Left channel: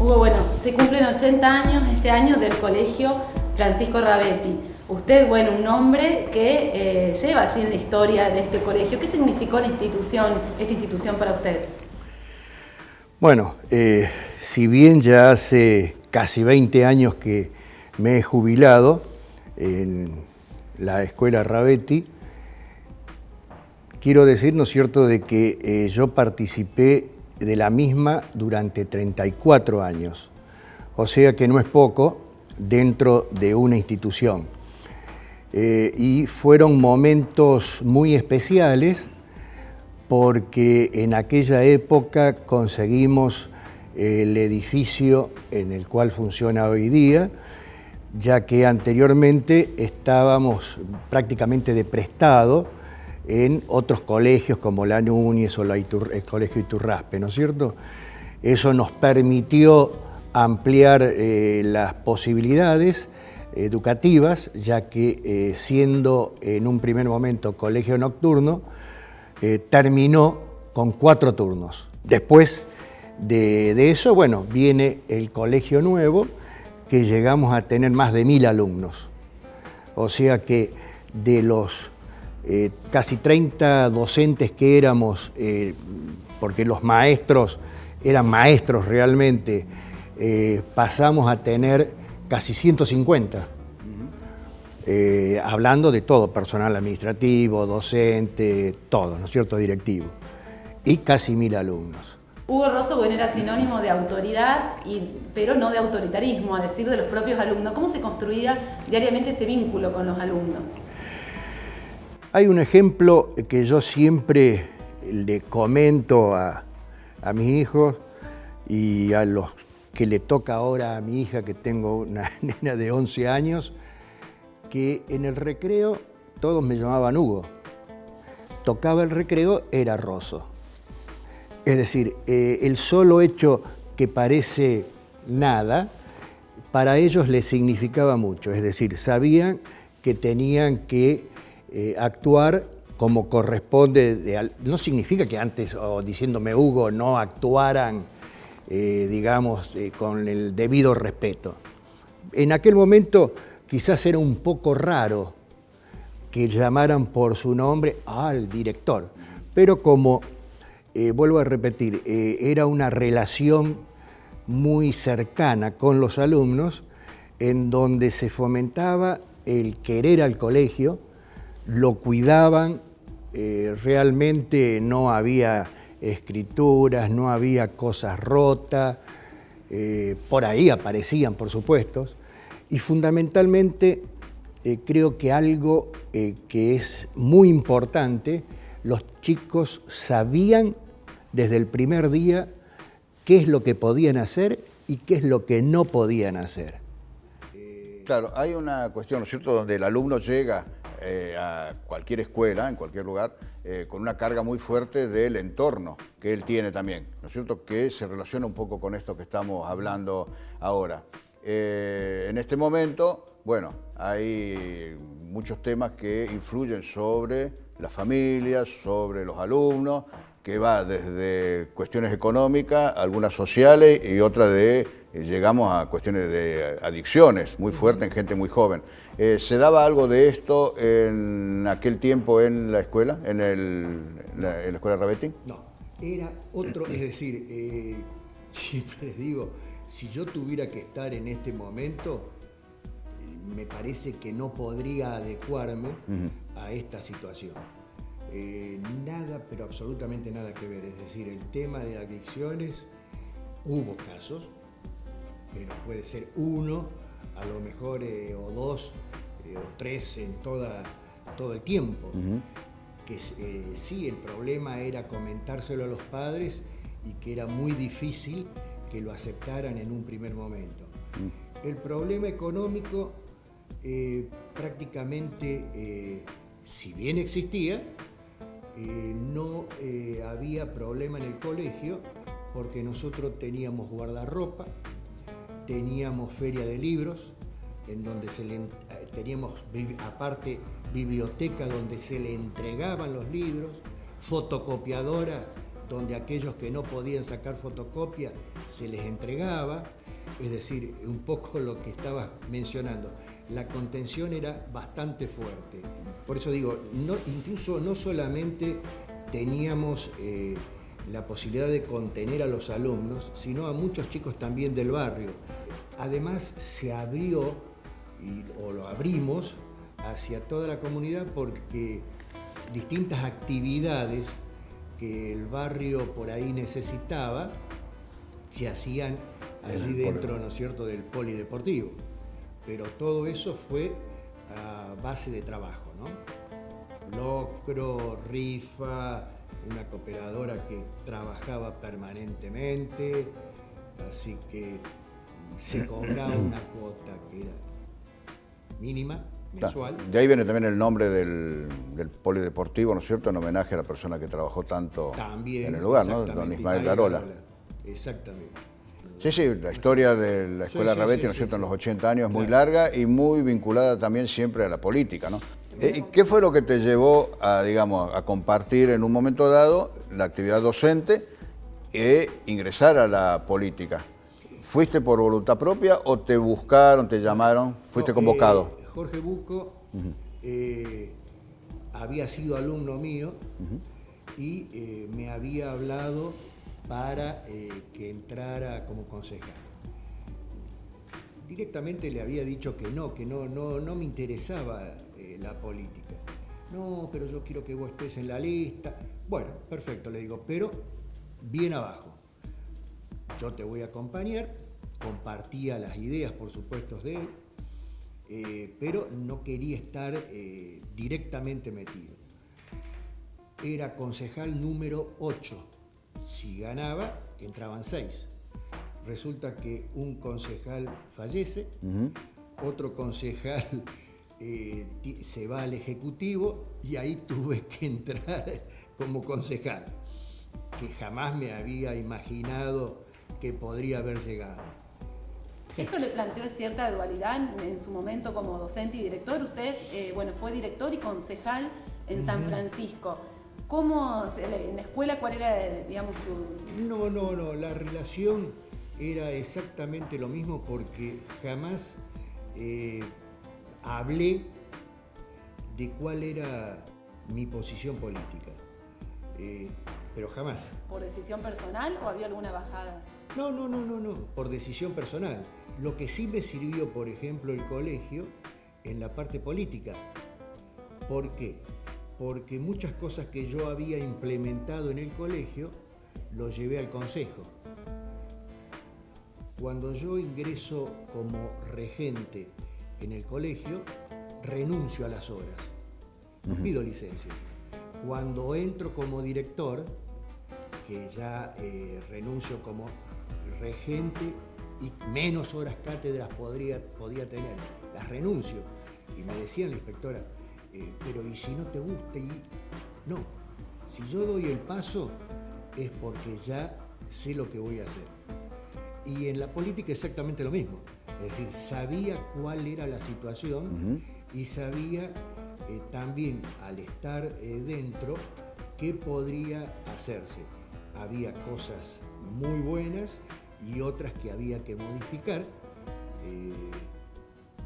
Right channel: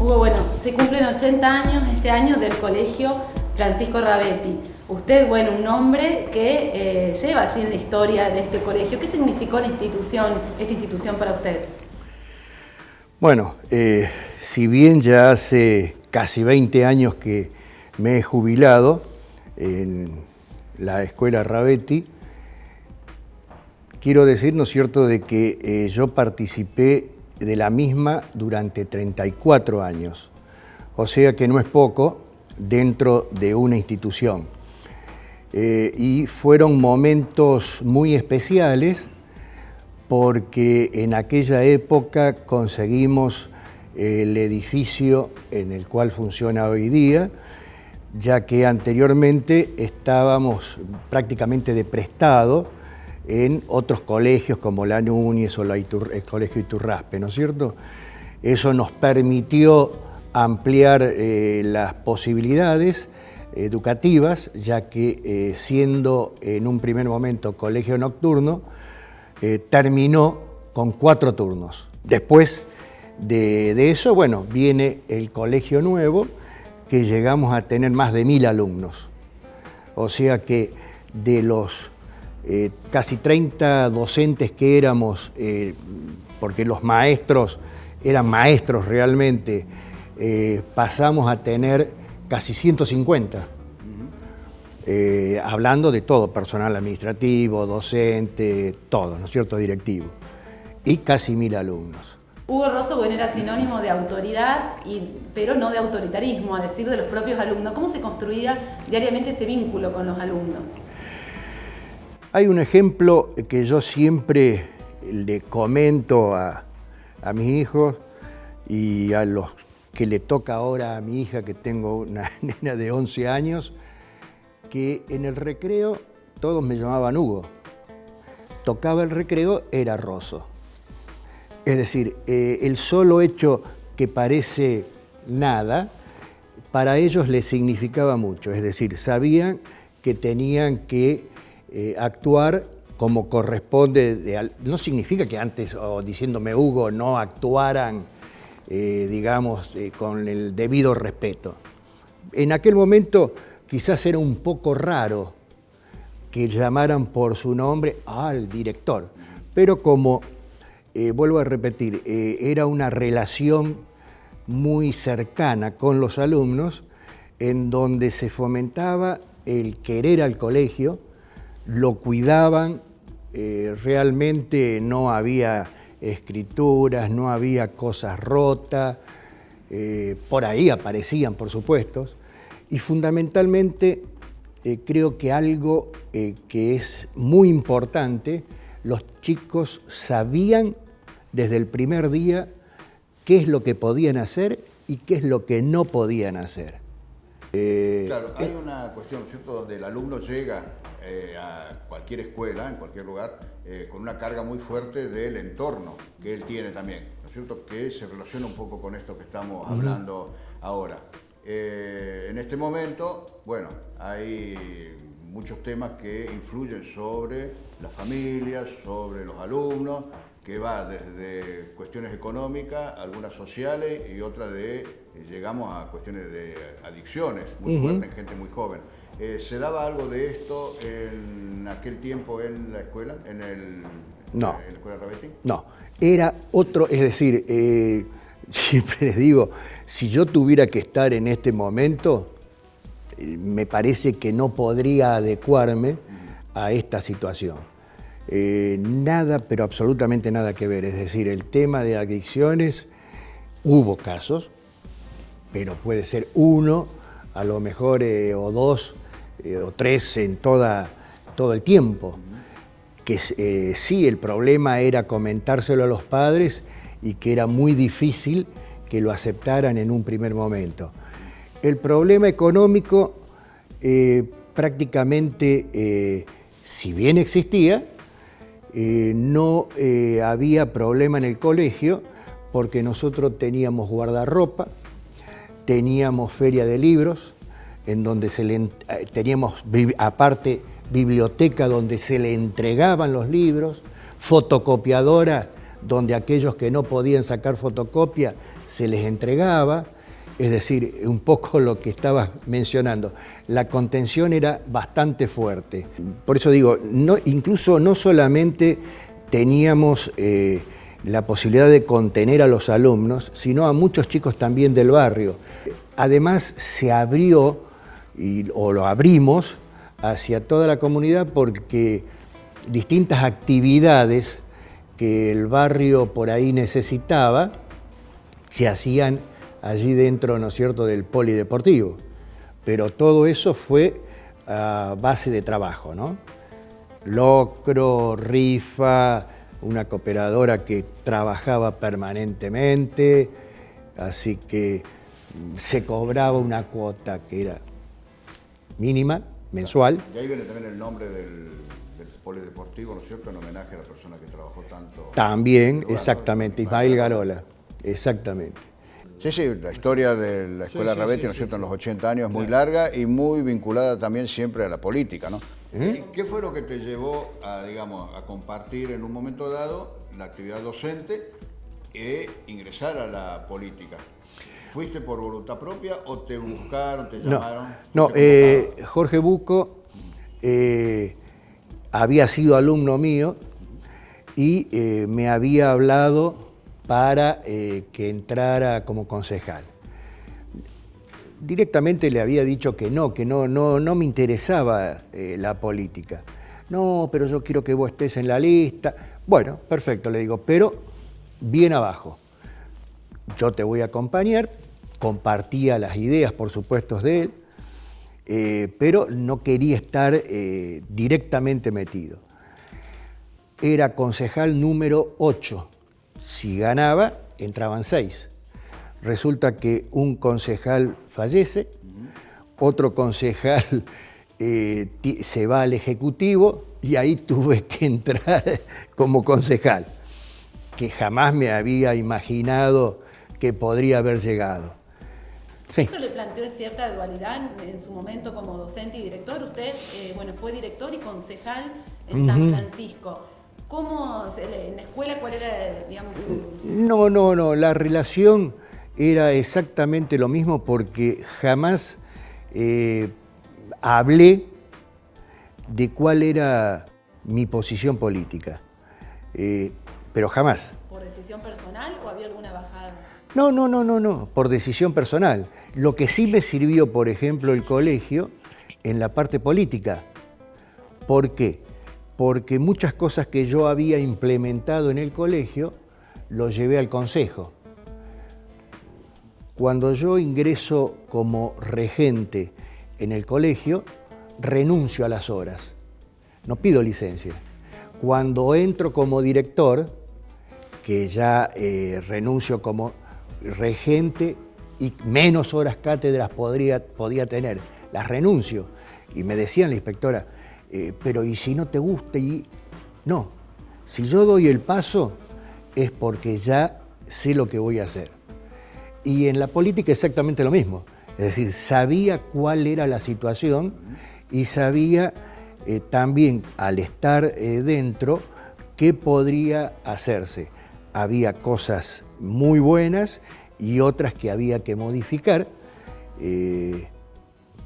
Hugo, bueno, se cumplen 80 años este año del Colegio Francisco Rabetti. Usted, bueno, un nombre que lleva allí en la historia de este colegio. ¿Qué significó esta institución para usted? Bueno, si bien ya hace casi 20 años que me he jubilado en la Escuela Rabetti, quiero decir, ¿no es cierto?, de que yo participé de la misma durante 34 años. O sea que no es poco dentro de una institución. Y fueron momentos muy especiales porque en aquella época conseguimos el edificio en el cual funciona hoy día, ya que anteriormente estábamos prácticamente de prestado en otros colegios como la Núñez o el Colegio Iturraspe, ¿no es cierto? Eso nos permitió ampliar las posibilidades educativas, ya que siendo en un primer momento colegio nocturno, terminó con 4 turnos. Después de eso, bueno, viene el colegio nuevo, que llegamos a tener más de 1000 alumnos. O sea que de los casi 30 docentes que éramos, porque los maestros eran maestros realmente, pasamos a tener casi 150. Hablando de todo, personal administrativo, docente, todo, ¿no es cierto?, directivo. Y casi 1000 alumnos. Hugo Rosso, bueno, era sinónimo de autoridad, pero no de autoritarismo, a decir de los propios alumnos. ¿Cómo se construía diariamente ese vínculo con los alumnos? Hay un ejemplo que yo siempre le comento a mis hijos y a los que le toca ahora a mi hija, que tengo una nena de 11 años, que en el recreo todos me llamaban Hugo. Tocaba el recreo, era Rosso. Es decir, el solo hecho que parece nada, para ellos les significaba mucho. Es decir, sabían que tenían que actuar como corresponde. No significa que antes, o diciéndome Hugo, no actuaran, digamos, con el debido respeto. En aquel momento quizás era un poco raro que llamaran por su nombre al director, pero como, vuelvo a repetir, era una relación muy cercana con los alumnos, en donde se fomentaba el querer al colegio, lo cuidaban, realmente no había escrituras, no había cosas rotas, por ahí aparecían, por supuesto, y fundamentalmente creo que algo que es muy importante, los chicos sabían desde el primer día qué es lo que podían hacer y qué es lo que no podían hacer. Claro, hay una cuestión, ¿no es cierto?, donde el alumno llega a cualquier escuela, en cualquier lugar, con una carga muy fuerte del entorno que él tiene también, ¿no es cierto?, que se relaciona un poco con esto que estamos hablando ahora. En este momento, bueno, hay muchos temas que influyen sobre las familias, sobre los alumnos, que va desde cuestiones económicas, algunas sociales y otras llegamos a cuestiones de adicciones muy fuertes en gente muy joven. ¿Se daba algo de esto en aquel tiempo en la escuela, en la Escuela Rabetti? No, era otro, es decir, siempre les digo, si yo tuviera que estar en este momento, me parece que no podría adecuarme a esta situación. Nada, pero absolutamente nada que ver. Es decir, el tema de adicciones, hubo casos, pero puede ser uno, a lo mejor, o dos, o tres en todo el tiempo. Que sí, el problema era comentárselo a los padres y que era muy difícil que lo aceptaran en un primer momento. El problema económico prácticamente, si bien existía, no había problema en el colegio porque nosotros teníamos guardarropa, teníamos feria de libros, en donde teníamos aparte biblioteca donde se le entregaban los libros, fotocopiadora donde aquellos que no podían sacar fotocopia se les entregaba, es decir, un poco lo que estabas mencionando. La contención era bastante fuerte. Por eso digo, incluso no solamente teníamos la posibilidad de contener a los alumnos, sino a muchos chicos también del barrio. Además, se abrió, o lo abrimos, hacia toda la comunidad porque distintas actividades que el barrio por ahí necesitaba se hacían allí dentro, ¿no es cierto?, del polideportivo. Pero todo eso fue a base de trabajo, ¿no? Locro, rifa, una cooperadora que trabajaba permanentemente, así que se cobraba una cuota que era mínima, mensual. De ahí viene también el nombre del polideportivo, ¿no es cierto?, en homenaje a la persona que trabajó tanto. También, lugar, exactamente, ¿no? Ismael Garola, exactamente. Sí, sí, la historia de la Escuela Ravetti, ¿no es cierto?, en los 80 años es muy larga y muy vinculada también siempre a la política, ¿no? ¿Qué fue lo que te llevó a, digamos, a compartir en un momento dado la actividad docente e ingresar a la política? ¿Fuiste por voluntad propia o te buscaron, te llamaron? ¿Fuiste convocado? Jorge Bucco había sido alumno mío y me había hablado para que entrara como concejal. Directamente le había dicho que no me interesaba la política. No, pero yo quiero que vos estés en la lista. Bueno, perfecto, le digo, pero bien abajo. Yo te voy a acompañar, compartía las ideas, por supuesto, de él, pero no quería estar directamente metido. Era concejal número 8. Si ganaba, entraban 6. Resulta que un concejal fallece, otro concejal se va al Ejecutivo y ahí tuve que entrar como concejal, que jamás me había imaginado que podría haber llegado. Sí. Esto le planteó cierta dualidad en su momento como docente y director. Usted, fue director y concejal en San Francisco. ¿Cómo, en la escuela, cuál era, digamos, su...? No, la relación era exactamente lo mismo porque jamás hablé de cuál era mi posición política, pero jamás. ¿Por decisión personal o había alguna bajada? No, por decisión personal. Lo que sí me sirvió, por ejemplo, el colegio en la parte política. ¿Por qué? Porque muchas cosas que yo había implementado en el colegio, lo llevé al consejo. Cuando yo ingreso como regente en el colegio, renuncio a las horas. No pido licencia. Cuando entro como director, que ya renuncio como regente y menos horas cátedras podía tener, las renuncio. Y me decían la inspectora, pero ¿y si no te gusta? No, si yo doy el paso es porque ya sé lo que voy a hacer. Y en la política exactamente lo mismo. Es decir, sabía cuál era la situación y sabía también, al estar dentro, qué podría hacerse. Había cosas muy buenas y otras que había que modificar,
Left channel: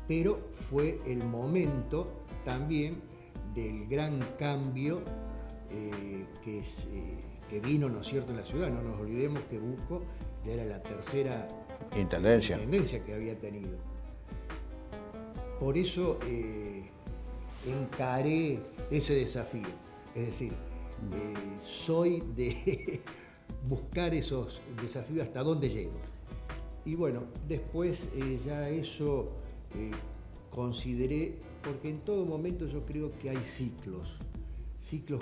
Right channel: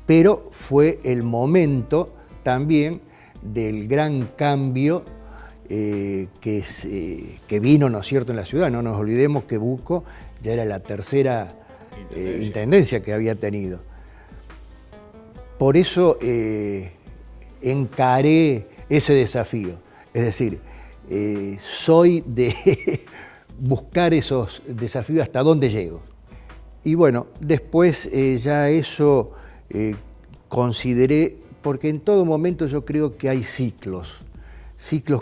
pero fue el momento también del gran cambio que vino, ¿no es cierto?, en la ciudad. No nos olvidemos que Bucco ya era la tercera intendencia que había tenido. Por eso encaré ese desafío. Es decir, soy de buscar esos desafíos hasta dónde llego. Y bueno, después ya eso consideré, porque en todo momento yo creo que hay ciclos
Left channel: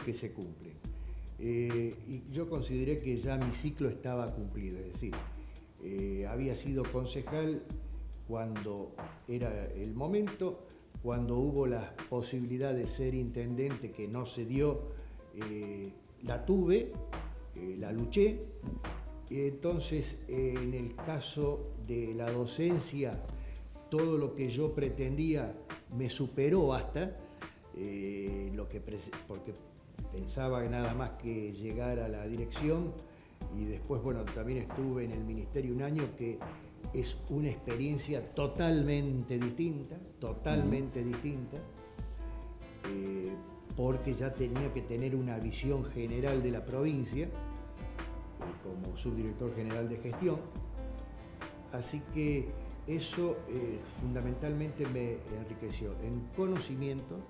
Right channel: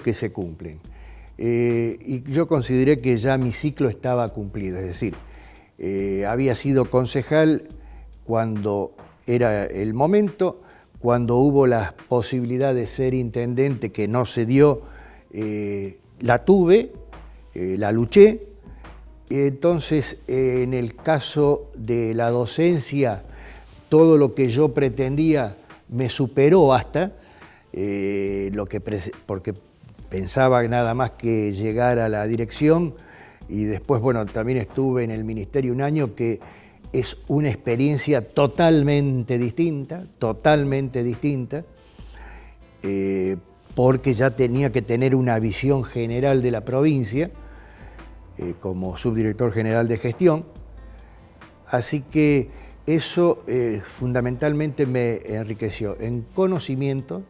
que se cumplen. Y yo consideré que ya mi ciclo estaba cumplido, es decir, había sido concejal cuando era el momento, cuando hubo la posibilidad de ser intendente que no se dio, la tuve, la luché. Entonces, en el caso de la docencia, todo lo que yo pretendía me superó hasta, porque pensaba nada más que llegar a la dirección y después, bueno, también estuve en el ministerio un año, que es una experiencia totalmente distinta, porque ya tenía que tener una visión general de la provincia, como subdirector general de gestión. Así que eso fundamentalmente me enriqueció en conocimiento,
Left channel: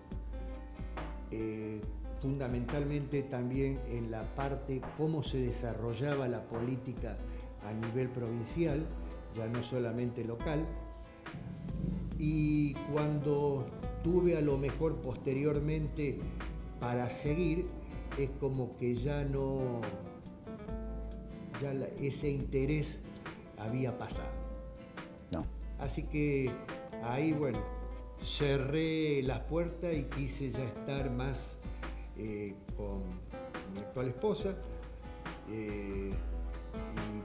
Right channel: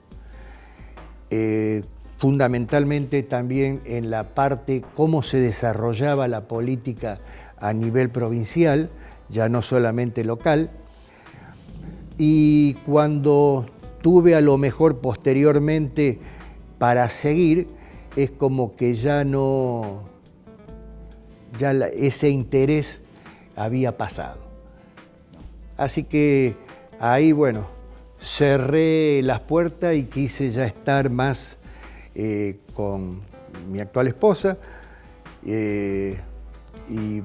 fundamentalmente también en la parte cómo se desarrollaba la política a nivel provincial, ya no solamente local. Y cuando tuve a lo mejor posteriormente para seguir, es como que ya no, ese interés había pasado. No. Así que ahí, bueno, cerré las puertas y quise ya estar más con mi actual esposa y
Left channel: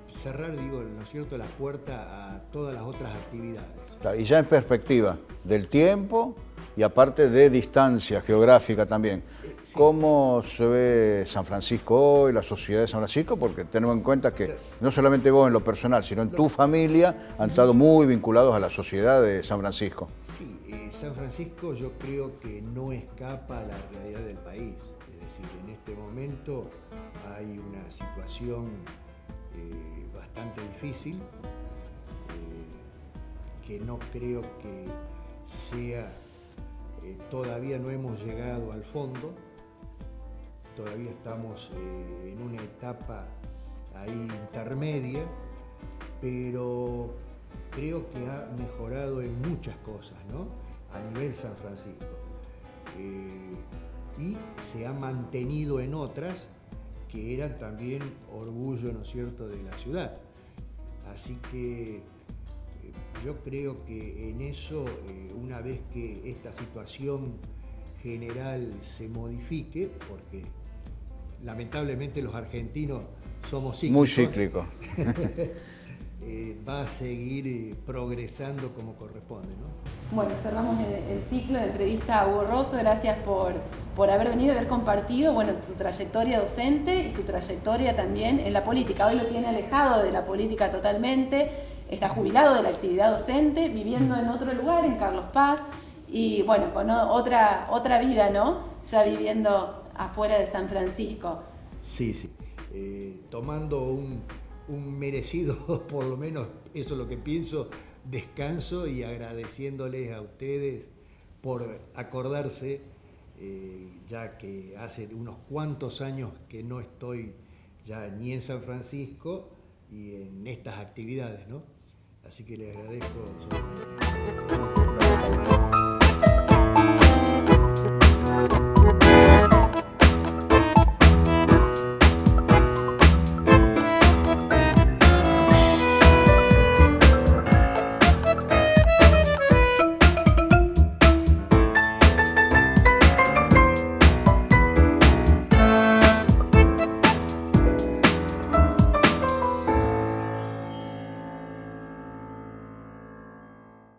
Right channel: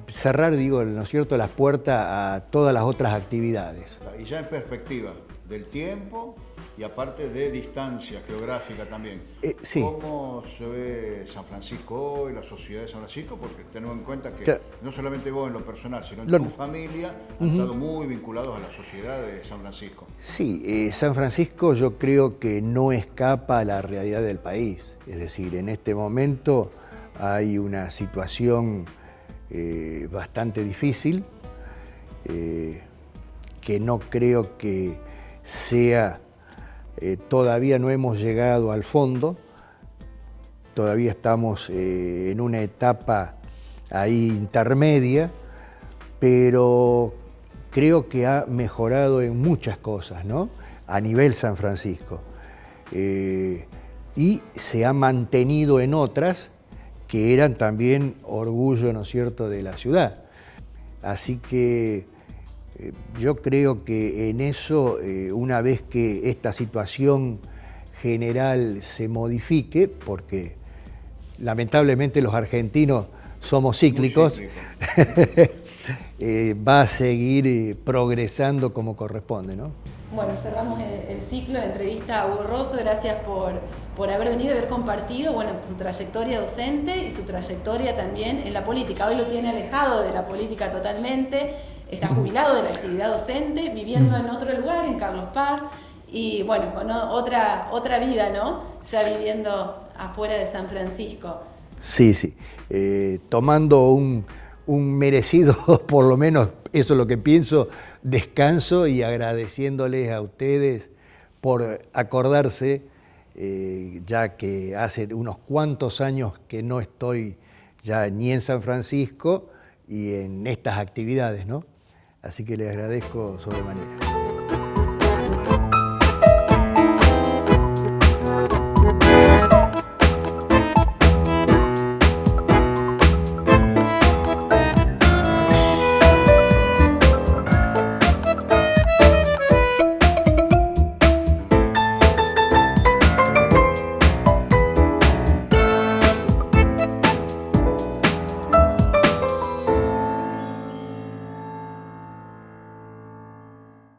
cerrar, digo, ¿no es cierto?, las puertas a todas las otras actividades. Y ya en perspectiva del tiempo y aparte de distancia geográfica también. Sí. ¿Cómo se ve San Francisco hoy, la sociedad de San Francisco? Porque tenemos en cuenta que claro, no solamente vos en lo personal, sino en tu familia han estado muy vinculados a la sociedad de San Francisco. Sí, San Francisco yo creo que no escapa a la realidad del país. Es decir, en este momento hay una situación bastante difícil, que no creo que sea... todavía no hemos llegado al fondo, todavía estamos en una etapa ahí intermedia, pero creo que ha mejorado en muchas cosas, ¿no?, a nivel San Francisco. Y se ha mantenido en otras que eran también orgullo, ¿no es cierto?, de la ciudad. Así que yo creo que en eso, una vez que esta situación general se modifique, porque lamentablemente los argentinos somos cíclicos, va a seguir progresando como corresponde, ¿no? Bueno, cerramos el ciclo de entrevista a Hugo Rosso. Gracias por haber venido y haber compartido, bueno, su trayectoria docente y su trayectoria también en la política. Hoy lo tiene alejado de la política totalmente. Está jubilado de la actividad docente, viviendo en otro lugar, en Carlos Paz, y bueno, con otra vida, ¿no? Ya viviendo afuera de San Francisco. Sí, sí. Tomando un merecido, por lo menos eso es lo que pienso, descanso, y agradeciéndoles a ustedes por acordarse, ya que hace unos cuantos años que no estoy ya ni en San Francisco y en estas actividades, ¿no? Así que les agradezco sobremanera.